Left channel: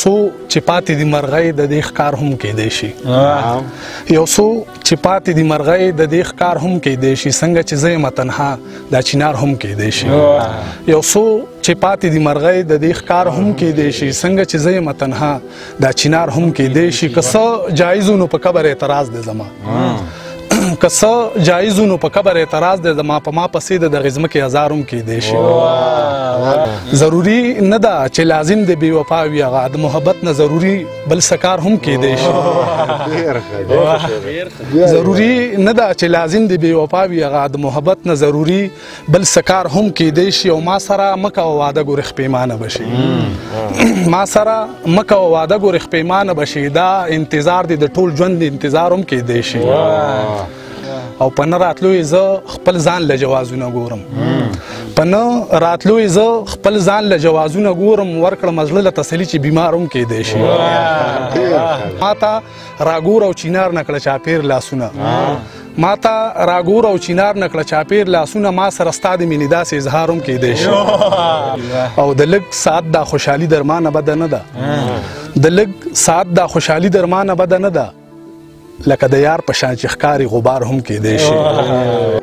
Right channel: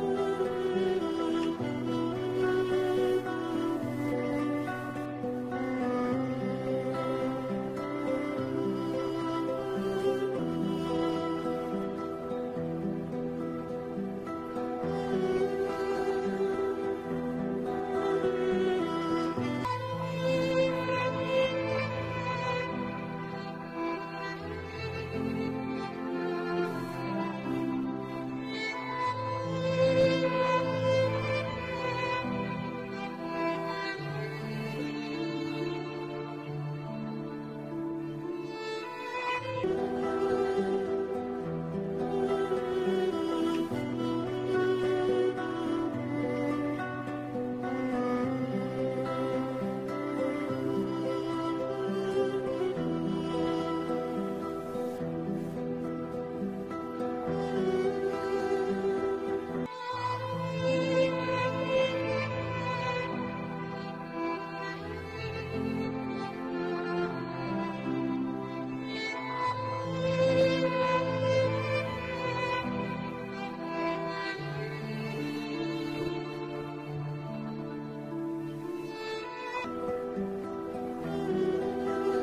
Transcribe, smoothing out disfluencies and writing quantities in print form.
څو چې پاتې دي مرغۍ د دې ښکار هم کیدی شي یو څو چې پاتې دي مرغۍ د دې ښکار هم کیدی شي څنګه چې زه یم تنها دا چنار هم کیدی شي یو څو چې پاتې دي مرغۍ د دې ښکار هم کیدی شي څنګه چې زه یم تنها دا چنار هم کیدی شي که څه جایز نو په قبر اعتراض دی زما که څه جایز نو په قبر اعتراض دی زما په ما پسې د دغې ځمکې هزار هم کیدی شي ضروري نه ده چې لازم د بې وفا وي هغه د محبت نه ضروري بل څه کار هم کیدی شي ضروري نه ده چې لازم د بې وفا وي هغه د محبت نه ضروري بل څه کار هم کیدی شي او ما سره مه کوه واده ګورې خپیمانه به شي ما سره مه کوه واده ګورې خپیمانه به شي دا انتظار دی د ټول ژوند انتظار هم کیدی شي او په نه راتلو یې زه خپل ځان له جوازونه ګورم په نه راتلو یې زه خپل ځان له جوازونه ګورم ورکړم زړه له تسلي چې بیمار هم کیدی شي ما ته راګور او چینار نه کړه چاپېر لاسونه ما ته راګور او چینار نه کړه چاپېر لاسونه ما سره ستا د مینې داسې اظهار هم کیدی شي او د لږ ساعت دا خوشحالي درمانه بده نه ده د لږ ساعت دا خوشحالي درمانه بده نه ده لکه د یار په شان چې ښکاري غبار هم کیدی شي